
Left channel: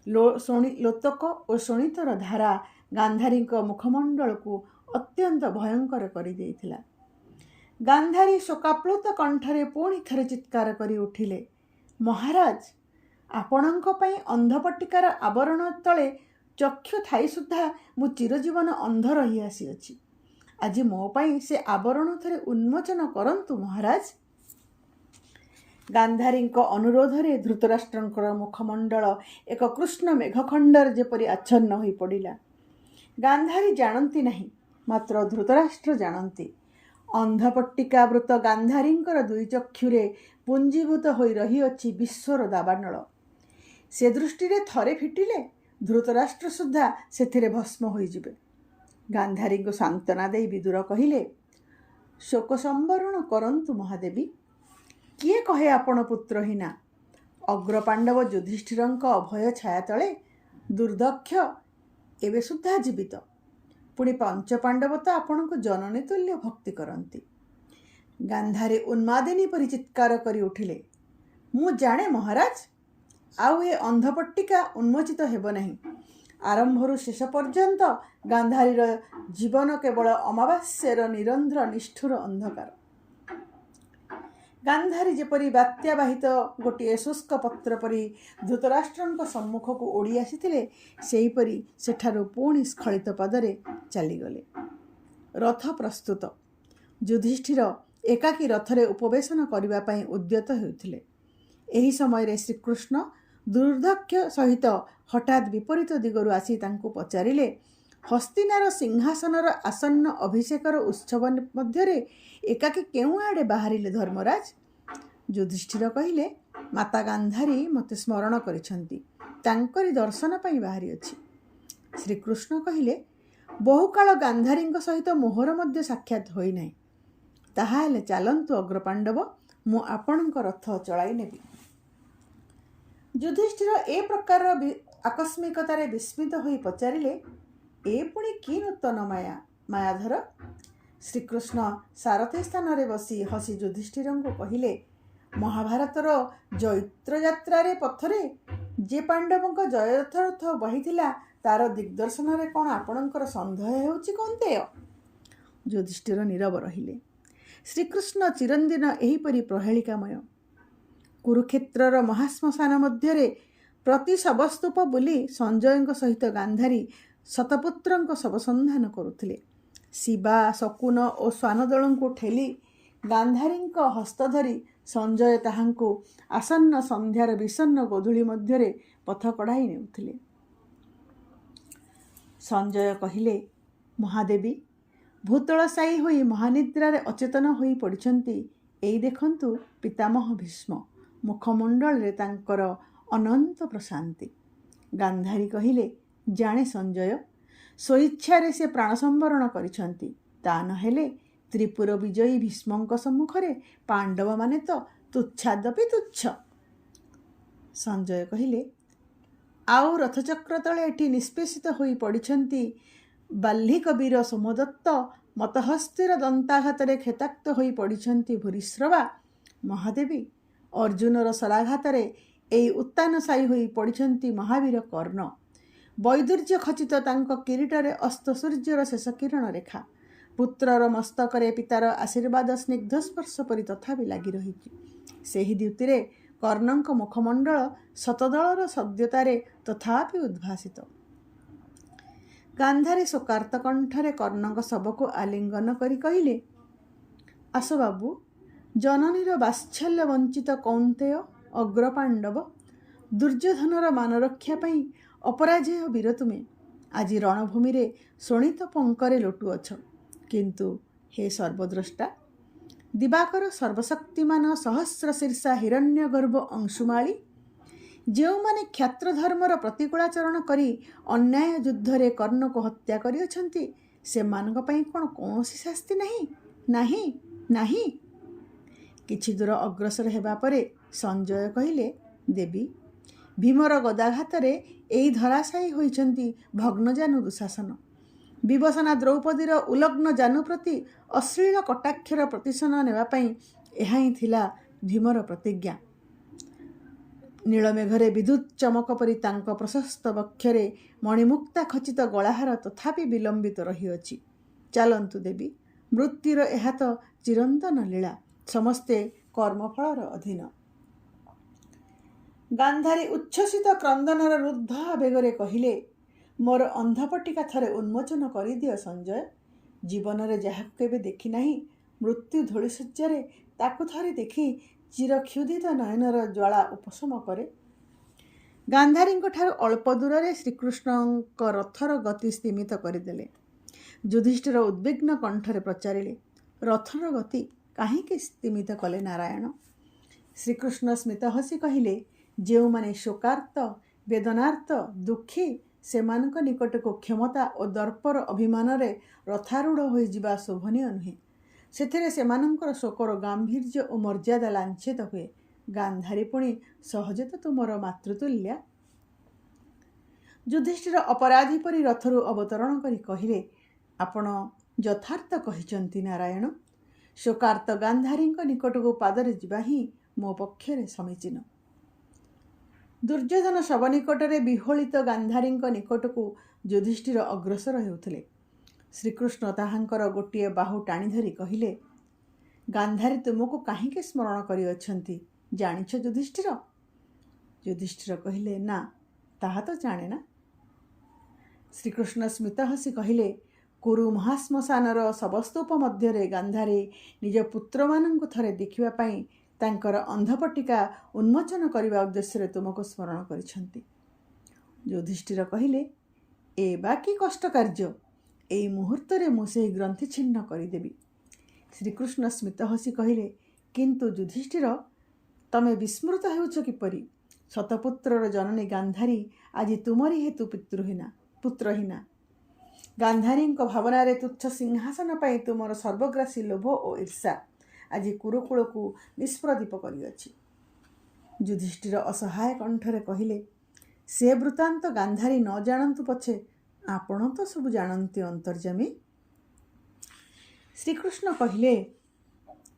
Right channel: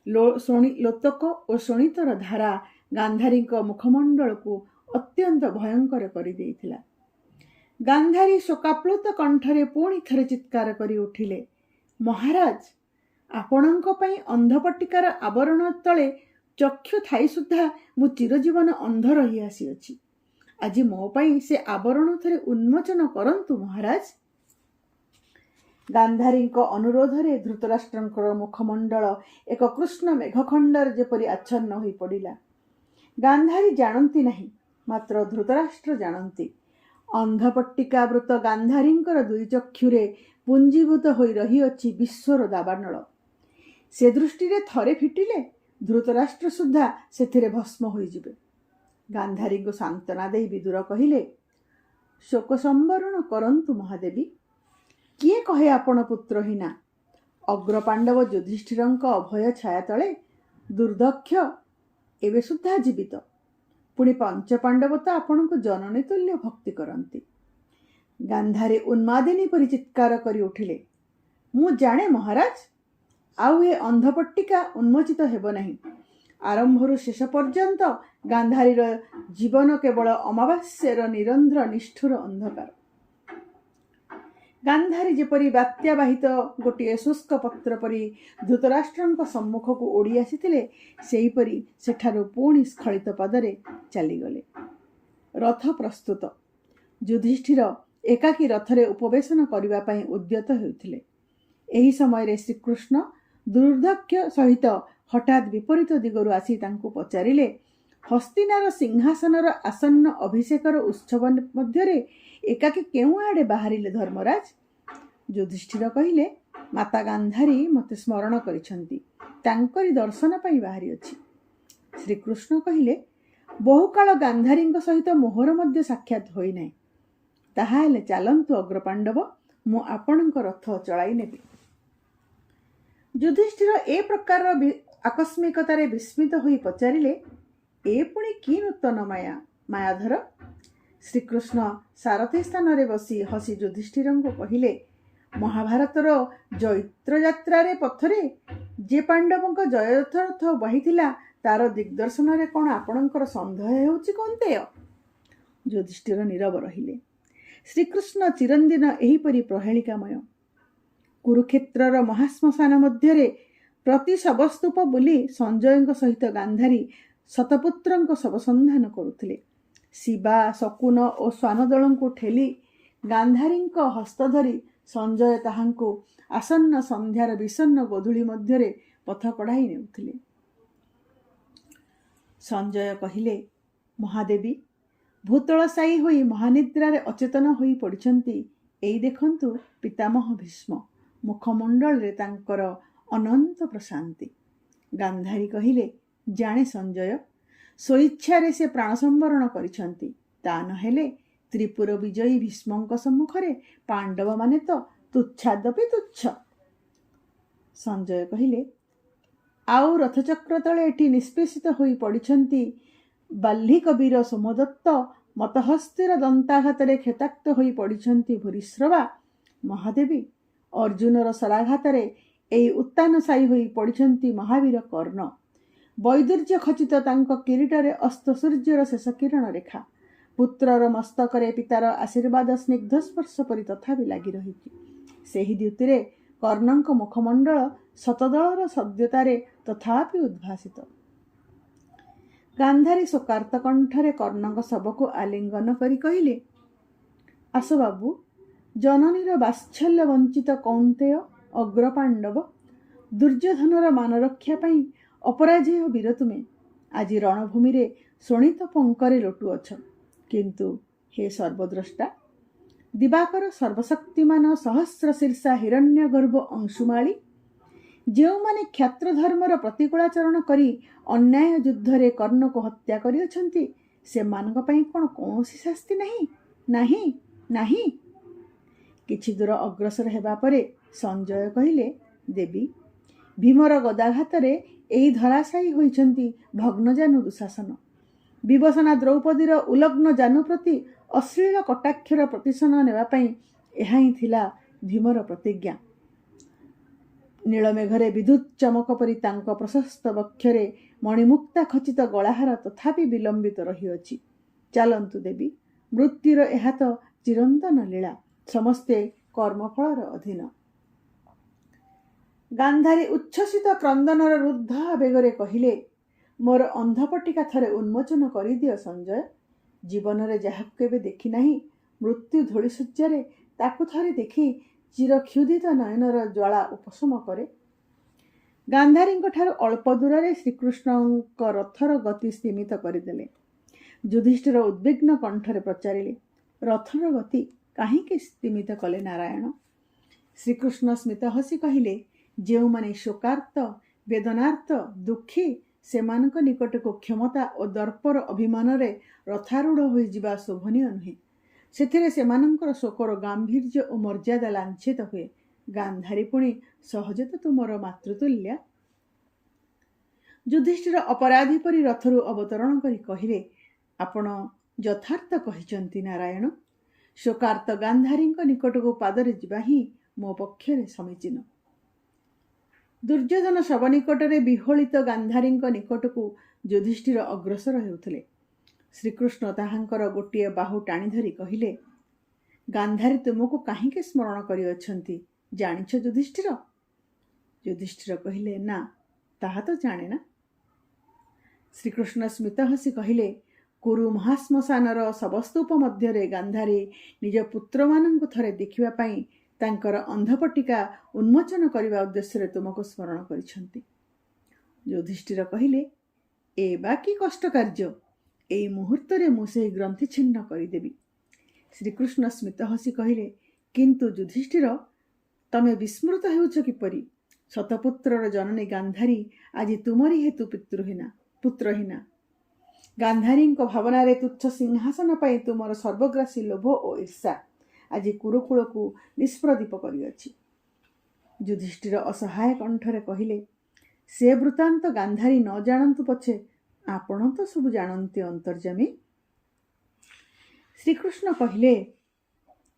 ଲୋତକ ଓ ଶୋଣିତର ଧାରା ଗାନ୍ଧାରୀଙ୍କ ମୁଖମଣ୍ଡଳକୁ ଅତ୍ୟନ୍ତ ଭୟଙ୍କର କରିଦେଇଥିଲା। ଗାନ୍ଧାରୀ ଶୋକାପ୍ଳୁତ କଣ୍ଠରେ ପୁଣି ଥରେ ଚିତ୍କାର କରି ଉଠିଲେ, ମହାରାଜ, ଆପଣଙ୍କ ପାଇଁ ଅନ୍ଧପଟ୍ଟିକାର ଆବରଣ ତଳେ ଚକ୍ଷୁ ଥାଇ ସୁଦ୍ଧା ମୁଁ ଚିରଜୀବନ ଅନ୍ଧ ରହି ଆସିଅଛି। ଆଜି ମୋ ପାଇଁ ସେ ଆବରଣ ଥରେ ଉନ୍ମୋଚନ କରନ୍ତୁ ମହାରାଜ। ଗାନ୍ଧାରୀଙ୍କ ଅନୁରୋଧରେ ଧୃତରାଷ୍ଟ୍ରଙ୍କର ମୁଖମଣ୍ଡଳ ଏକ କୃଷ୍ଣ ମେଘଖଣ୍ଡରେ ଯେପରି ଆଚ୍ଛନ୍ନ ହୋଇ ପଡ଼ିଲା। ଗାନ୍ଧାରୀ ଜାଣନ୍ତି ନାହିଁ, ମାତ୍ର ଧୃତରାଷ୍ଟ୍ର ଜାଣନ୍ତି। ଅନ୍ଧପଟ୍ଟିକାବୃତ ଗାନ୍ଧାରୀଙ୍କର ଦୁଇ ଚକ୍ଷୁରେ ପୁଞ୍ଜୀଭୂତ ହୋଇ ରହିଅଛି ବିଶ୍ୱର ଦାବାନଳ। ସେ ଦୃଷ୍ଟିରେ ଥରେ ଫିଟିଲେ ଧୃତରାଷ୍ଟ୍ର ସୁଦ୍ଧା ସେଥିରେ ଭସ୍ମ ହୋଇଯିବେ। ଗାନ୍ଧାରୀଙ୍କୁ ସାନ୍ତ୍ୱନା ଦେଇ ବିଦୁର କହିଲେ, ଶୋକ ସମ୍ବରଣ କରନ୍ତୁ ମହାଦେବୀ। କିଏ କହେ ଆପଣ ପୁତ୍ରହୀନା? ଅଗ୍ରପାଣ୍ଡବ ଯୁଧିଷ୍ଠିରଙ୍କ ଅଭୟ ଛାୟା ତଳେ ଦୁର୍ଦକ୍ଷ ଏବେ ସୁଦ୍ଧା ଜୀବିତ। ପୁଣି ପଞ୍ଚପାଣ୍ଡବ ତ ଆପଣଙ୍କୁ ଜନନୀ ତୁଲ୍ୟ ଭକ୍ତି କରନ୍ତି। ଗାନ୍ଧାରୀ ଉନ୍ମାଦିନୀ ପରି ଚିତ୍କାର କରି ଉଠିଲେ, ମୁଁ ଜାଣେ ମହାରାଜ, ଆଉ ଏ ଅନ୍ଧପଟ୍ଟିକା ଉନ୍ମୋଚିତ ହେବ ନାହିଁ। ଆରମ୍ଭରୁ ଶେଷ ପର୍ଯ୍ୟନ୍ତ ଗାନ୍ଧାରୀର ଜୀବନ କେବଳ ଅମାବାସ୍ୟାର ନିରନ୍ଧ୍ର ନିଷ୍ଠୁର ଅନ୍ଧକାର। ଗାନ୍ଧାରୀ ଯେପରି ବାତ୍ୟାବାହିତ ଗୋଟିଏ ଶୁଷ୍କ ପତ୍ର ପରି ଧୃତରାଷ୍ଟ୍ରଙ୍କ ସମ୍ମୁଖକୁ ଓଡ଼ି ଆସିଥିଲେ, ସେହିପରି ସେଠାରୁ ପୁଣି ସ୍ଖଳିତ ପଦରେ ଚାଲିଗଲେ। ରଥ ପ୍ରସ୍ତୁତ। ଯୁଧିଷ୍ଠିର ଏକାକୀ ରଥରେ ଉପବେଶନ କରିବା ପାଇଁ ଉଦ୍ୟତ ହେଉଥିଲେ। ଏହି ସମୟରେ ଶ୍ରୀକୃଷ୍ଣ ଦୁର୍ଦକ୍ଷ ସହିତ ହଠାତ୍ ବିପରୀତ ଦିଗରୁ ଆସି ତାଙ୍କୁ ପଚାରିଲେ, ହସ୍ତିନାର ସିଂହାସନର ଆସନ୍ନ ଅଭିଷେକର ଉତ୍ସବ ମଧ୍ୟରେ ଏକାକୀ କେଉଁ ଆଡ଼େ ବାହାରିଲେ ଧର୍ମରାଜ? ଯୁଧିଷ୍ଠିର କହିଲେ, ମାତା ଗାନ୍ଧାରୀ ମୋତେ ସ୍ମରଣ କରିଛନ୍ତି, ତାଙ୍କରି ଦର୍ଶନ ପାଇଁ ବାହାରିଅଛି। ଶ୍ରୀକୃଷ୍ଣ କହିଲେ, ବହୁକାଳ ଗାନ୍ଧାରୀଙ୍କ ସହିତ ମୋହର ମଧ୍ୟ ସାକ୍ଷାତ ହୋଇନାହିଁ। ତାହାହେଲେ ଚାଲନ୍ତୁ ଅଗ୍ରପାଣ୍ଡବ, ମୁଁ ଆପଣଙ୍କ ରଥ ଚଳାଇ ନେବି। ଯୁଧିଷ୍ଠିର ଏ ପ୍ରକାରର ଆକସ୍ମିକତାରେ ବିସ୍ମିତ ହୋଇ ପଚାରିଲେ, ଏ ପୁଣି କି ନୂତନ ମାୟାଧର? ଶ୍ରୀକୃଷ୍ଣ ସାରଥୀ ସ୍ଥାନରେ ବସି ହସି ଯୁଧିଷ୍ଠିରଙ୍କୁ କହିଲେ, ମହାଭାରତର ଜୈତ୍ରଯାତ୍ରାରେ ପଥରେ ଯେ ପାଣ୍ଡବଙ୍କ ଜୟରଥ ବାହିଥିଲା, ତାର ଦିଗ୍ଦର୍ଶନରେ କ'ଣ ଆପଣଙ୍କର ସନ୍ଦେହ ହେଉଛି କୌନ୍ତେୟ? ଯୁଧିଷ୍ଠିର ନୀରବ ରହିଲେ। ଶ୍ରୀକୃଷ୍ଣ ଚିରଦିନ ଏହିପରି ପ୍ରହେଳିକାମୟ। କୁରୁକ୍ଷେତ୍ରର ମହାଶ୍ମଶାନ ମଧ୍ୟରେ ପ୍ରତି ଶବସ୍ତୂପ ବୁଲି ସଞ୍ଜୟଙ୍କ ସହିତ ଗାନ୍ଧାରୀ ଶତପୁତ୍ରଙ୍କ ଶବ ସନ୍ଧାନ କରୁଥିଲେ। ଶିବା, ଶକୁନ ଓ ଶ୍ୱାନଦଳଙ୍କୁ ଠେଲି ଗାନ୍ଧାରୀଙ୍କ ହସ୍ତ ଧରି ସଞ୍ଜୟ ତାହାଙ୍କୁ ଆସନ୍ନ ସନ୍ଧ୍ୟାର ବିଷନ୍ନ ଗୋଧୂଳି ମଧ୍ୟରେ ପଥ କଢ଼ାଇ ନେଉଥିଲେ। ସଞ୍ଜୟ କହିଲେ, ମହାଦେବୀ, ଭୂତଳଶାୟୀ ହୋଇ ମହାନିଦ୍ରାରେ ଅଚେତନ ହୋଇ ପଡ଼ିଛନ୍ତି। ଏଇ ଦେଖନ୍ତୁ ପିତାମହ ଭୀଷ୍ମ। ମୁଖମଣ୍ଡଳରେ ତାଙ୍କର ଅନନ୍ତ ପ୍ରଶାନ୍ତି। ଗାନ୍ଧାରୀ କହିଲେ, ଜାଣେ ସଞ୍ଜୟ, ସ୍ୱଇଚ୍ଛାରେ ସେ ପ୍ରାଣ ସମ୍ବରଣ କରିଛନ୍ତି। ତା ନହେଲେ ତ୍ରିପୁର ବିଜୟୀ ଭୀଷ୍ମଙ୍କ ସମ୍ମୁଖରେ ପାଣ୍ଡବମାନେ ତ ତୁଚ୍ଛାଦପି ତୁଚ୍ଛ। ସଞ୍ଜୟ କହିଲେ, ଆଉ ରଥଚକ୍ର ତଳେ ଏଠି ନିଷ୍ପେଷିତ ହୋଇ ପଡ଼ିଛନ୍ତି ବାଲ୍ଲିକ ବୀର ସୋମଦତ୍ତ, ମତହସ୍ତିର ଦନ୍ତାଘାତରେ କ୍ଷତାକ୍ତ ହୋଇ ପଡ଼ିଛନ୍ତି ଭୂରିଶ୍ରବା। ମହାଦେବୀ, ଅର୍ଜୁନର ଶରାଘାତରେ ଏହି ଉତ୍ତାନଶାୟୀ ହୋଇ ପଡ଼ିଛନ୍ତି ମହାବୀର କର୍ଣ୍ଣ। ବୈଦୁର୍ଯ୍ୟ ଖଚିତ ତାଙ୍କ କିରୀଟରେ ଅସ୍ତ ସୂର୍ଯ୍ୟର ଶେଷ କିରଣ ରେଖା। ପୁତ୍ରର ମସ୍ତକରେ ପିତାର ଆଶୀର୍ବାଦ ସ୍ନିଗ୍ଧ ସ୍ପର୍ଶ ପରି ତଥାପି ଲାଗି ରହିଛି। ସେହି ଦ୍ୟୁତିରେ କର୍ଣ୍ଣଙ୍କ ମୁଖମଣ୍ଡଳ ଶତଦଳର ସଦ୍ୟତାରେ ତଥାପି ଉଦ୍ଭାସିତ। ଗାନ୍ଧାରୀ ଶୋକାର୍ତ୍ତ କଣ୍ଠରେ କର୍ଣ୍ଣଙ୍କ ଶବକୁ ଆଲିଙ୍ଗନ କରି କହିଲେ, ଆସ ବାବୁ, ଜନନୀର ବାତ୍ସଲ୍ୟ ବଞ୍ଚିତ କୌନ୍ତେୟ ଅଗ୍ରପାଣ୍ଡବ, ଦୁର୍ଯ୍ୟୋଧନର ମାନରକ୍ଷା ପାଇଁ ଅପରାଜେୟ ବୀର ତୁମେ ଆଜି ରଣଭୂମିରେ ଶୋଣିତ ପଙ୍କରେ ଲୋଟୁଅଛ। କିନ୍ତୁ ହେ ସର୍ବଦ୍ରଷ୍ଟା, ଦିବାକର ସର୍ବଶକ୍ତିମାନ ସହସ୍ର ଶୀର୍ଷା ହିରଣ୍ୟଗର୍ଭ ଅଂଶୁମାଳୀ, ଯେଉଁମାନେ କ୍ଷାତ୍ର ଧର୍ମର ପ୍ରତିକୂଳାଚରଣ କରି ଅନ୍ୟାୟ ଯୁଦ୍ଧରେ କର୍ଣ୍ଣକୁ ହତ୍ୟା କରିଅଛନ୍ତି ସେମାନଙ୍କ ପାଇଁ କ'ଣ କୌଣସି ଶାସ୍ତି ନାହିଁ? ନାହିଁ, ନାହିଁ। କିଛି ଦୂର ଅଗ୍ରସର ହେବା ପରେ ସଞ୍ଜୟ କହିଲେ, ଦେବୀ, ଭୀମର ଗଦାଘାତରେ ଏହି ଧରାଶାୟୀ ହୋଇଛନ୍ତି ଭଗ୍ନଜାନୁ ଦୁଃଶାସନ। ବିଭୀଷଣା ଦ୍ରୌପଦୀର ଉଲଗ୍ନ ଜାନୁ ପ୍ରତି ଅଶ୍ଳୀଳ କଟାକ୍ଷର ପ୍ରତିଶୋଧ ନେବା ପାଇଁ ଏହା ହିଁ ଥିଲା ଭୀମର ପ୍ରତିଜ୍ଞା। ନୀଳମେଘରେ ବିଦ୍ୟୁତ୍ ଚମକ ପରି ତାଙ୍କ ପ୍ରଶସ୍ତ ବକ୍ଷରେ ମଣିମୁକ୍ତା ଖଚିତ ଗଳାହାର ତଥାପି ବିଲମ୍ବିତ ରହିଅଛି। ଚାଲନ୍ତୁ ଦେବୀ, ମୃତ୍ୟୁର ଏହା ତ ଚିରନ୍ତନ ଲୀଳା, ସମସ୍ତେ କର୍ମଫଳର ଅଧୀନ। ଗାନ୍ଧାରୀ ଉଚ୍ଛ୍ବସିତ କ୍ରନ୍ଦନର ରୁଦ୍ଧ ଆବେଗରେ କହିଲେ, ମୋର ଅନ୍ଧପଟିକା ଥରେ ଉନ୍ମୋଚନ କରିଦିଅ ସଞ୍ଜୟ। ଜୀବନରେ ଯାହାକୁ କେବେ ଦେଖି ନାହିଁ, ମୃତ୍ୟୁ ଧୂଳିଶଯ୍ୟାରେ ତାକୁ ଥରେ ଦେଖି ଚିରକ୍ଷୁଧିତ ନୟନର ଜ୍ୱାଳା ଉପଶମ କରେ। ଗାନ୍ଧାରୀଙ୍କ ଠାରୁ ଅଳ୍ପ ଦୂରରେ ଶ୍ରୀକୃଷ୍ଣଙ୍କ ରଥର ଗତି ସ୍ତିମିତ କରିଦେଲେ। ଯୁଧିଷ୍ଠିର ଉଦ୍ବିଗ୍ନ କଣ୍ଠରେ ପଚାରିଲେ, ରଥର ଗତି କାହିଁକି ସ୍ତିମିତ କଲେ ନାରାୟଣ? ଶ୍ରୀକୃଷ୍ଣ ସ୍ମିତ ହସି କହିଲେ, ଯେଉଁମାନେ ଶୋକାର୍ତ୍ତ, ବେଦନାର୍ତ୍ତ, ଦୁଃଖୀ, ସେମାନଙ୍କ ନିକଟକୁ କ୍ଷମତା ଓ ଦର୍ପର ଅଭିମାନରେ ରଥାରୂଢ଼ ହୋଇଯିବା ଶୋଭନୀୟ ନୁହେଁ। ସେଥିରେ ସେମାନଙ୍କର ଶୋକର ଗାମ୍ଭୀର୍ଯ୍ୟ ଓ ମର୍ଯ୍ୟାଦା ଲାଞ୍ଛିତ ହୁଏ। ଗାନ୍ଧାରୀ ପୁଣି ସହଜେ ତ ତୁମର ମାତୃତୁଲ୍ୟା। ଯୁଧିଷ୍ଠିର ଅପରାଧୀ ପରି ରଥରୁ ଅବତରଣ କରି କହିଲେ, ଆପଣ ଯଥାର୍ଥ କହିଛନ୍ତି ନାରାୟଣ। ଶୋକାର୍ତ୍ତ ଗାନ୍ଧାରୀଙ୍କ ନିକଟକୁ ପାଦରେ ଯିବା ହିଁ ମୋ ପକ୍ଷରେ ସମୀଚୀନ। ଦୁର୍ଯ୍ୟୋଧନ ଶବ ନିକଟରେ ବିହ୍ୱଳିତ ଗାନ୍ଧାରୀଙ୍କ ନିକଟକୁ ଯୁଧିଷ୍ଠିର ଅଗ୍ରସର ହେଉଥିଲେ। ଶ୍ରୀକୃଷ୍ଣ ତାହାଙ୍କର ଗୋଟିଏ ବାହୁ ଟାଣି ଧରି କହିଲେ, ଗାନ୍ଧାରୀ ତୁମକୁ କାହିଁକି ସ୍ମରଣ କରିଅଛନ୍ତି ଜାଣିଛ ଯୁଧିଷ୍ଠିର? ଯୁଧିଷ୍ଠିର କହିଲେ, ନା, ତାହା ତ ଜାଣେ ନା। ଶ୍ରୀକୃଷ୍ଣ ସ୍ମିତ ହସି କହିଲେ, କୁରୁ ମହାଶ୍ମଶାନର ଶବସ୍ତୂପ ମଧ୍ୟରେ ଗାନ୍ଧାରୀ ନିଜ ପୁତ୍ରମାନଙ୍କୁ ଥରେ ଦେଖିବା ପାଇଁ ତାଙ୍କର ଅନ୍ଧପଟିକା ଉନ୍ମୋଚନ କରିବା ଉଦ୍ଦେଶ୍ୟରେ ତୁମକୁ ସ୍ମରଣ କରିଛନ୍ତି। ଯୁଧିଷ୍ଠିର କହିଲେ, ଏ ବା କି କଷ୍ଟ କାର୍ଯ୍ୟ? ଏଇ ମୁହୂର୍ତ୍ତରେ ମୁଁ ସେହି ଗ୍ରନ୍ଥି ଛିନ୍ନ କରିଦେବି। ଶ୍ରୀକୃଷ୍ଣ ସ୍ମିତ ହସି କହିଲେ, କିନ୍ତୁ ଯୁଧିଷ୍ଠିର, ତମେ ବିସ୍ମୃତ ହେଉଛ କିପରି? ଶତପୁତ୍ରର ଜନନୀ ଗାନ୍ଧାରୀ ଆଜି ତୁମରି ହେତୁ ପୁତ୍ରହୀନା। ଗାନ୍ଧାରୀଙ୍କ ଭାବନାରେ ତୁଚ୍ଛ ସିଂହାସନ ପାଇଁ ତୁମର ସର୍ବଗ୍ରାସୀ ଲୋଭ ଓ ଈର୍ଷା ଆଜି କୁରୁକୁଳକୁ ନିଷ୍ପ୍ରଦୀପ କରିଅଛି। ଯୁଧିଷ୍ଠିର ଅସହାୟ କଣ୍ଠରେ କହିଲେ, ସେ ବୃତ୍ତାନ୍ତ ଗାନ୍ଧାରୀ ନ ଜାଣନ୍ତୁ ପଛେ ଆପଣ ତ ସବୁ ଜାଣନ୍ତି ଅନ୍ତର୍ଯ୍ୟାମୀ। ଶ୍ରୀକୃଷ୍ଣ କହିଲେ,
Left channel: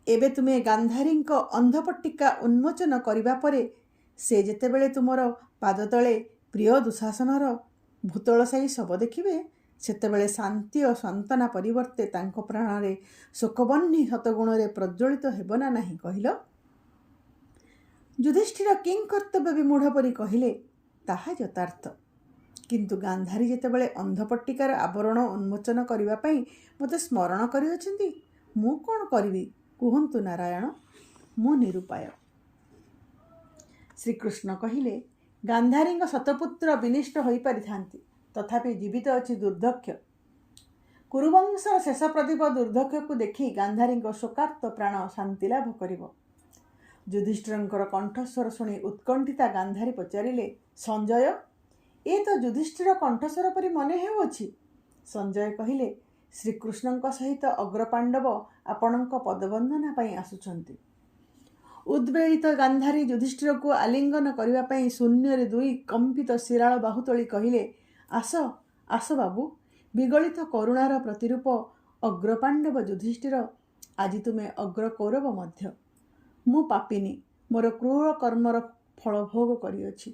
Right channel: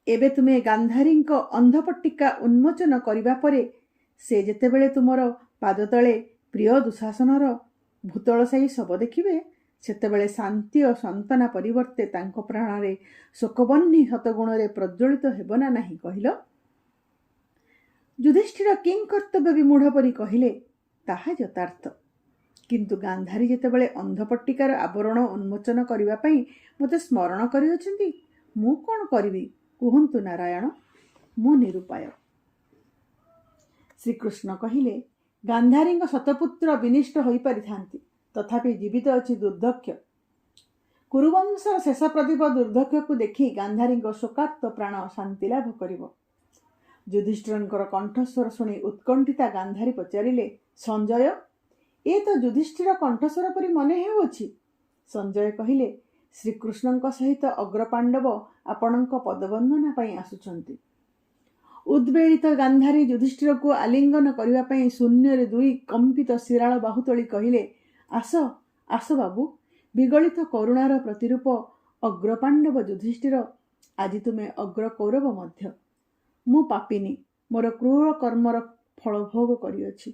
ଏବେ ତୁମେ ଗାନ୍ଧାରୀଙ୍କ ଅନ୍ଧପଟ୍ଟିକା ଉନ୍ମୋଚନ କରିବା ପରେ ସେ ଯେତେବେଳେ ତୁମର ପାଦତଳେ ପ୍ରିୟ ଦୁଃଶାସନର ଭୂତଳଶାୟୀ ଶବ ଦେଖିବେ, ସେତେବେଳେ ଶାନ୍ତି ଓ ସାନ୍ତ୍ୱନା ପରିବର୍ତ୍ତେ ତାଙ୍କ ପ୍ରାଣରେ ଶୋକବହ୍ନି ଶତଗୁଣରେ ପ୍ରଜ୍ୱଳିତ ହେବ ନା ନାହିଁ କହିଲ? ଯୁଧିଷ୍ଠିର କିଂକର୍ତ୍ତବ୍ୟ ବିମୂଢ଼ ପରି କହିଲେ, ତାହା ଯଥାର୍ଥ। କିନ୍ତୁ ଗାନ୍ଧାରୀ ଯେତେବେଳେ ଅନ୍ଧପଟ୍ଟିକାର ଆବରଣ ଉନ୍ମୋଚନ କରିବା ପାଇଁ ମୋତେ ସ୍ମରଣ କରିଅଛନ୍ତି, ମୁଁ କ'ଣ କରିବି କୁହନ୍ତୁ ନାରାୟଣ? ମୁଁ ନିରୁପାୟ। ଶ୍ରୀକୃଷ୍ଣ କହିଲେ, ଗାନ୍ଧାରୀଙ୍କ ଶତପୁତ୍ର ବିନିଷ୍ଟ ହୋଇପାରିଥାନ୍ତି, ତଥାପି ଜୀବିତ ଅଛି ଦୁର୍ଦକ୍ଷ। କୁରୁବଂଶର ଶେଷ ପ୍ରଦୀପ ଦୁର୍ଦକ୍ଷକୁ ଦେଖି ଗାନ୍ଧାରୀଙ୍କ ଶୋକାର୍ତ୍ତ ପ୍ରାଣ ଶାନ୍ତି ଲାଭ କରିବ। ଯୁଧିଷ୍ଠିରଙ୍କର କଣ୍ଠସ୍ୱର ଶୁଣି ଉତ୍କଣ୍ଠିତା ଗାନ୍ଧାରୀ ପଚାରିଲେ, ସଞ୍ଜୟ, ଏ ତ ଯୁଧିଷ୍ଠିର କଣ୍ଠସ୍ୱର ପରି ମନେ ହେଉଅଛି। ସଞ୍ଜୟ କହିଲେ, ଶ୍ରୀକୃଷ୍ଣଙ୍କ ସହିତ ଅଗ୍ରପାଣ୍ଡବ ଆପଣଙ୍କ ପଦବନ୍ଦନା ପାଇଁ ଆସୁଛନ୍ତି। ଉଦ୍ବେଳିତ ଗାନ୍ଧାରୀ ଯୁଧିଷ୍ଠିରକୁ ଆଲିଙ୍ଗନ କରିବା ପାଇଁ ଶୂନ୍ୟରେ ଦୁଇ କମ୍ପିତ ଶିରାଳ ବାହୁ ତୋଳି କହିଲେ, ଆସ ଆସ ବାବୁ, ବିଗଳିତ କରୁଣାର ପ୍ରତିରୂପ ଅଗ୍ରପାଣ୍ଡବ ଯୁଧିଷ୍ଠିର, ଆଜି ତୁମେ ଅଗ୍ରକୌରବ ମଧ୍ୟ। ମୁଁ ପାପିନୀ, ମୋର କ୍ରୂର କର୍ମର ଫଳ ଭୋଗ କରିଅଛି।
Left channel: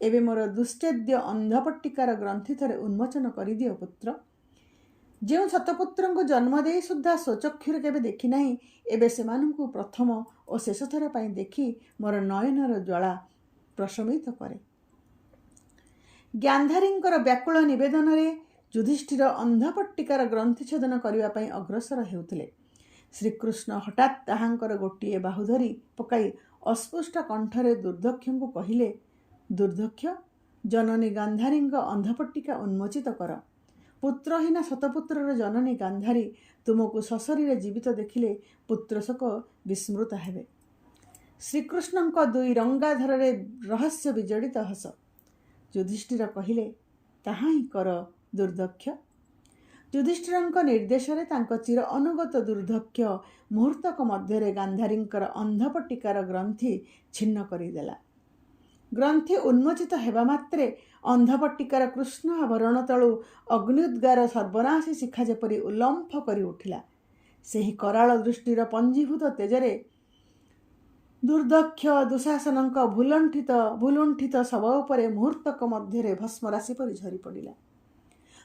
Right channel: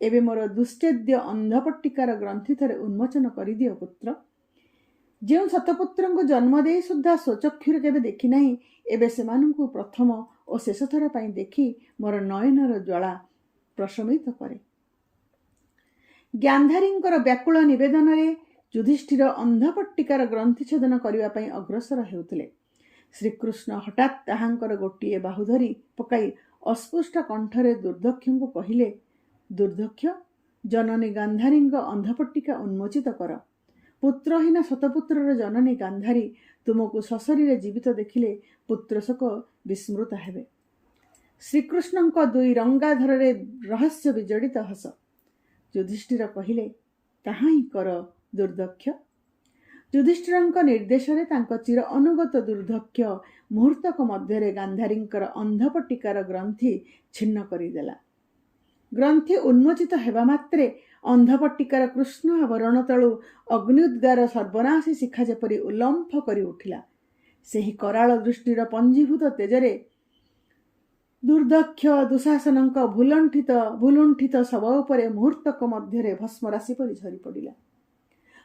ଏବେ ମୋର ଦୁଶ୍ଚେଦ୍ୟ ଅନ୍ଧପଟ୍ଟିକାର ଗ୍ରନ୍ଥି ଥରେ ଉନ୍ମୋଚନ କରିଦିଅ ପୁତ୍ର। ଯେଉଁ ଶତପୁତ୍ରଙ୍କୁ ଜନ୍ମ ଦେଇ ସୁଦ୍ଧା ସ୍ୱଚକ୍ଷୁରେ କେବେ ଦେଖି ନାହିଁ, ଏବେ ସେମାନଙ୍କୁ ପ୍ରଥମ ଓ ଶେଷଥର ପାଇଁ ଦେଖି ମୋର ନୟନର ଜ୍ୱାଳା ପ୍ରଶମିତ କରେ। ଗାନ୍ଧାରୀଙ୍କର ବ୍ୟାକୁଳ ନିବେଦନରେ ଯୁଧିଷ୍ଠିର ଅନ୍ଧପଟ୍ଟିକାର ଗ୍ରନ୍ଥି ଛେଦନ କରିବା ପାଇଁ ଅଗ୍ରସର ହେଉଥିଲେ। ଶ୍ରୀକୃଷ୍ଣ ହଠାତ୍ ତାହାଙ୍କର ଗୋଟିଏ ବାହୁ ଧରି ପକାଇ ଅସ୍ପଷ୍ଟ କଣ୍ଠରେ ଦୁର୍ଦକ୍ଷଙ୍କୁ କହିଲେ, ଦୁର୍ଦକ୍ଷ, ଜନନୀ ଗାନ୍ଧାରୀଙ୍କ ଅନ୍ଧପଟ୍ଟିକା ଉନ୍ମୋଚିତ କର। ପୁତ୍ରହୀନ ଶତପୁତ୍ରର ଜନନୀ ଗାନ୍ଧାରୀ ତୁମକୁ ସଶରୀରେ ଜୀବିତ ଦେଖିଲେ ପୁତ୍ରଶୋକ ବିସ୍ମୃତ ହେବେ। ଶ୍ରୀକୃଷ୍ଣଙ୍କ ଦୁଇ ରଙ୍ଗାଧରରେ ରହସ୍ୟ ବିଜଡ଼ିତ ହସ। ଯୁଧିଷ୍ଠିର କହିଲେ, ତାହା ହିଁ କର ଦୁର୍ଦକ୍ଷ। ଯୁଧିଷ୍ଠିରଙ୍କ ନିର୍ଦ୍ଦେଶରେ ତାଙ୍କ ଚିର ଅନୁଗତ ଦୁର୍ଦକ୍ଷ ମୁହୂର୍ତ୍ତକ ମଧ୍ୟରେ ଗାନ୍ଧାରୀଙ୍କର ଅନ୍ଧପଟ୍ଟିକାର ଗ୍ରନ୍ଥି ଛିନ୍ନ କରିଦେଲା। ଗ୍ରନ୍ଥି ଉନ୍ମୋଚିତ ହେବା ମାତ୍ରେ ଅନ୍ଧପଟ୍ଟିକାର କୃଷ୍ଣ ଆଭରଣ ତଳୁ ଅଗ୍ନିଉଦ୍ଗାର ସର୍ବନାଶୀ ଶିଖା ଯେପରି ଉଲ୍ଲମ୍ଫ କରି ଉଠିଲା। ସେହି କରାଳ ଦୃଷ୍ଟିର ପଞ୍ଜୀଭୂତ ତେଜରେ ଦୁର୍ଦକ୍ଷ ଦୁଃଶାସନଙ୍କ ଭୁଲୁଣ୍ଠିତ ଶବ ଉପରେ ମୁହୂର୍ତ୍ତକ ମଧ୍ୟରେ ଭସ୍ମରାଶି ପରି ଝରି ପଡ଼ିଲା।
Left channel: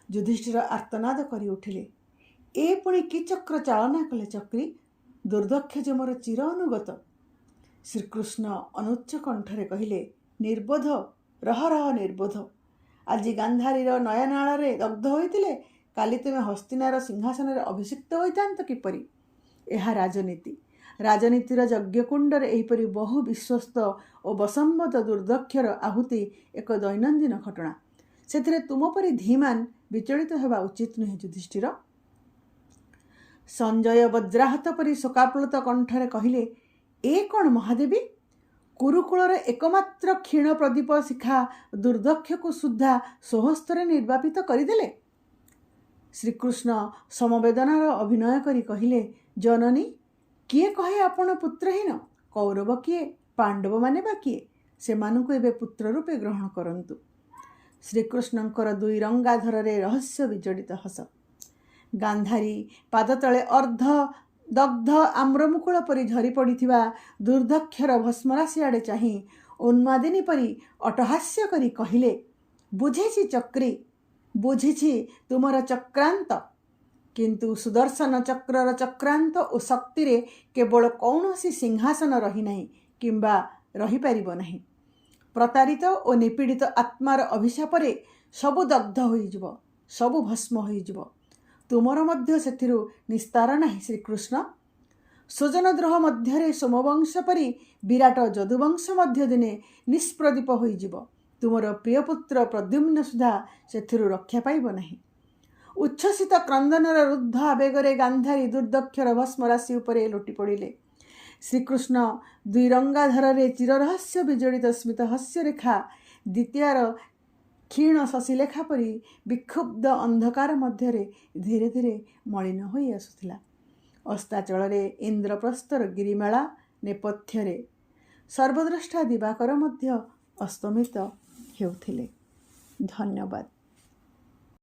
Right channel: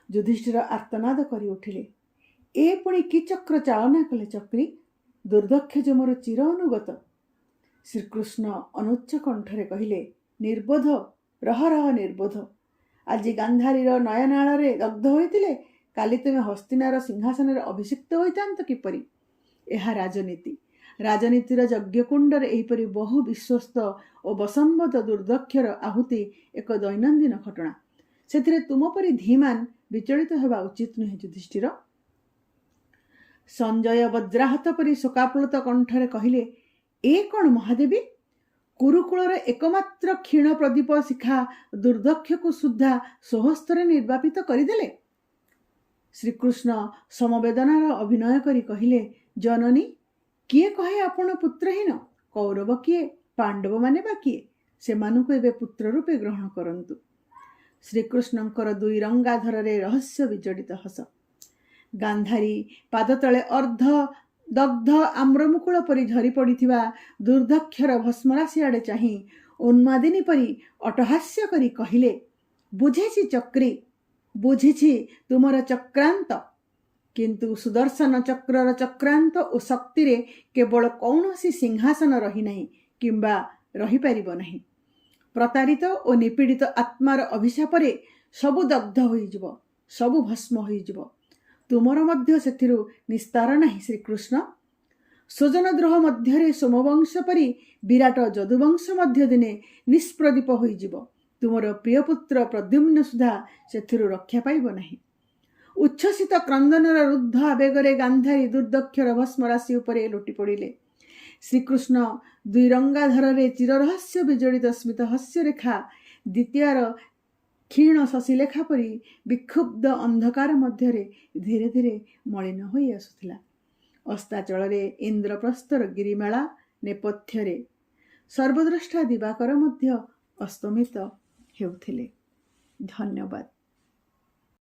ଯୁଧିଷ୍ଠିର ଆର୍ତ୍ତନାଦ କରି ଉଠିଲେ, ଏ ପୁଣି କି ଚକ୍ର ଚାଳନା କଲେ ଚକ୍ରୀ? ଦୁର୍ଦକ୍ଷ ଯେ ମୋର ଚିର ଅନୁଗତ। ଶ୍ରୀକୃଷ୍ଣ ଅନୁଚ୍ଚ କଣ୍ଠରେ କହିଲେ, ନିର୍ବୋଧ, ରହ ରହ ନିର୍ବୋଧ। ଆଜି ଗାନ୍ଧାରୀର ନୟନାଳରେ ଦଗ୍ଧ ହୋଇଥିଲେ କାଲି ତୁମେ ହସ୍ତିନାର ସିଂହାସନରେ ଅଭିଷିକ୍ତ ହୋଇଥାନ୍ତ କିପରି? ଏହା ରାଜନୀତି। ରାଜନୀତିର ଯଜ୍ଞକୁଣ୍ଡରେ ଏହିପରି ବହୁ ବିଶ୍ୱସ୍ତ ଓ ବଶମ୍ବତ ଦୁର୍ଦକ୍ଷର ଆହୁତି ଏକ ଦୈନନ୍ଦିନ ଘଟଣା। ସେଥିରେ ତୁମ ପରି ଧୀମାନ ବିଚଳିତ ହେବା ଉଚିତ ନୁହେଁ ଯୁଧିଷ୍ଠିର। ସଞ୍ଜୟ ବଜ୍ରାହତ ପରି ଶୋକାପ୍ଳୁତ କଣ୍ଠରେ କହିଲେ, ଏ କ'ଣ ମହାଦେବୀ? କୁରୁକୁଳର ଏକମାତ୍ର କ୍ଷୀଣ ପ୍ରଦୀପ ଶିଖା ଦୁର୍ଦକ୍ଷକୁ ସୁଦ୍ଧା ସ୍ୱହସ୍ତରେ ନିର୍ବାପିତ କରିଦେଲେ। ଶ୍ରୀକୃଷ୍ଣ ସମବେଦନାର ଅଭିନୟ କରି କହିଲେ, ଜନନୀ, କିଏ କହେ ଆପଣ ପୁତ୍ରହୀନ? କୌରବ କିଏ, ପାଣ୍ଡବମାନେ ବା କିଏ? ସେମାନଙ୍କୁ ଏବେ ପୁତ୍ର ରୂପେ ଗ୍ରହଣ କରନ୍ତୁ। ଶ୍ରୀକୃଷ୍ଣଙ୍କର ଦୁଇ ରଙ୍ଗାଧରରେ ରହସ୍ୟ ବିଜଡ଼ିତ ହସ। ଗାନ୍ଧାରୀ ପାଦତଳେ ଅର୍ଦ୍ଧ ଦଗ୍ଧ ଆମ୍ରମୁକୁଳ ପରି ଝରି ପଡ଼ିଥିବା ଦୁର୍ଦକ୍ଷର ଭସ୍ମରାଶି ଆଡ଼େ ଚାହିଁ ଉନ୍ମାଦିନୀ ପରି ଅଟହାସ୍ୟ କରି କହିଲେ, ବୁଝିଛି ଚକ୍ରୀ, ବୁଝିଛି ତୁମର ଚକ୍ରାନ୍ତ। କିନ୍ତୁ ସୁଦର୍ଶନ ଚକ୍ରର ଚକ୍ରାନ୍ତ ଓ ଶକ୍ତିରେ କେବଳ କୌଣସି ସିଂହାସନ ରହିନାହିଁ କିମ୍ବା ରହିପାରିବ ନାହିଁ। ପ୍ରତାରିତ ଓ ନିପୀଡ଼ିତ ଆତ୍ମାର ଅଭିଶାପରେ ସବୁ ଦଗ୍ଧ ହୋଇଯିବ, ସବୁ ଭସ୍ମ ହୋଇଯିବ। ତୁମର ମଧ୍ୟ ସେଥିରୁ ନିସ୍ତାର ନାହିଁ ଶ୍ରୀକୃଷ୍ଣ। ସ୍ୱଜନଦ୍ରୋହ ମଧ୍ୟରେ ସୋମବଂଶ ପରି ବିରାଟ ଯଦୁବଂଶ ମଧ୍ୟ ଦିନେ ନିଷ୍ପ୍ରଦୀପ ହୋଇଯିବ। ତୁମର ପ୍ରିୟପୁତ୍ର ପ୍ରଦ୍ୟୁମ୍ନ ସୁଦ୍ଧା ସେଥିରୁ ରକ୍ଷା ପାଇବ ନାହିଁ। ଉଚ୍ଛ୍ୱସିତ କ୍ରନ୍ଦନର ରୁଦ୍ଧ ଆବେଗରେ ଗାନ୍ଧାରୀ ଦୁର୍ଦକ୍ଷର ଭସ୍ମରାଶି ଉପରେ ଲୋଟି ପଡ଼ିଲେ। ଶ୍ରୀକୃଷ୍ଣ ଦୁଇ ରଙ୍ଗାଧରରେ ଚିରରହସ୍ୟ ବିଜଡ଼ିତ ସ୍ମିତ ହସ୍ୟରେଖା ଦ୍ୱିତୀୟାର କ୍ଷୀଣ ଶଶିଲେଖା ପରି ବିକ୍ଷୁବ୍ଧ ଅନ୍ଧକାର ମଧ୍ୟରେ ଧୀରେ ଧୀରେ ମଳିନ ହୋଇ ଆସୁଥିଲା। ଅସ୍ତାଚଳରେ ଇନ୍ଦ୍ରପ୍ରସ୍ଥର ଗିରିମାଳା ନେପଥ୍ୟରେ ସର୍ବଦ୍ରଷ୍ଟା ଦିବାକର ମଧ୍ୟ ଅସ୍ତମିତ ହେଉଥିଲେ। ଧନ୍ୟବାଦ।